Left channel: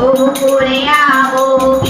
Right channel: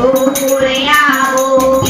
Korea o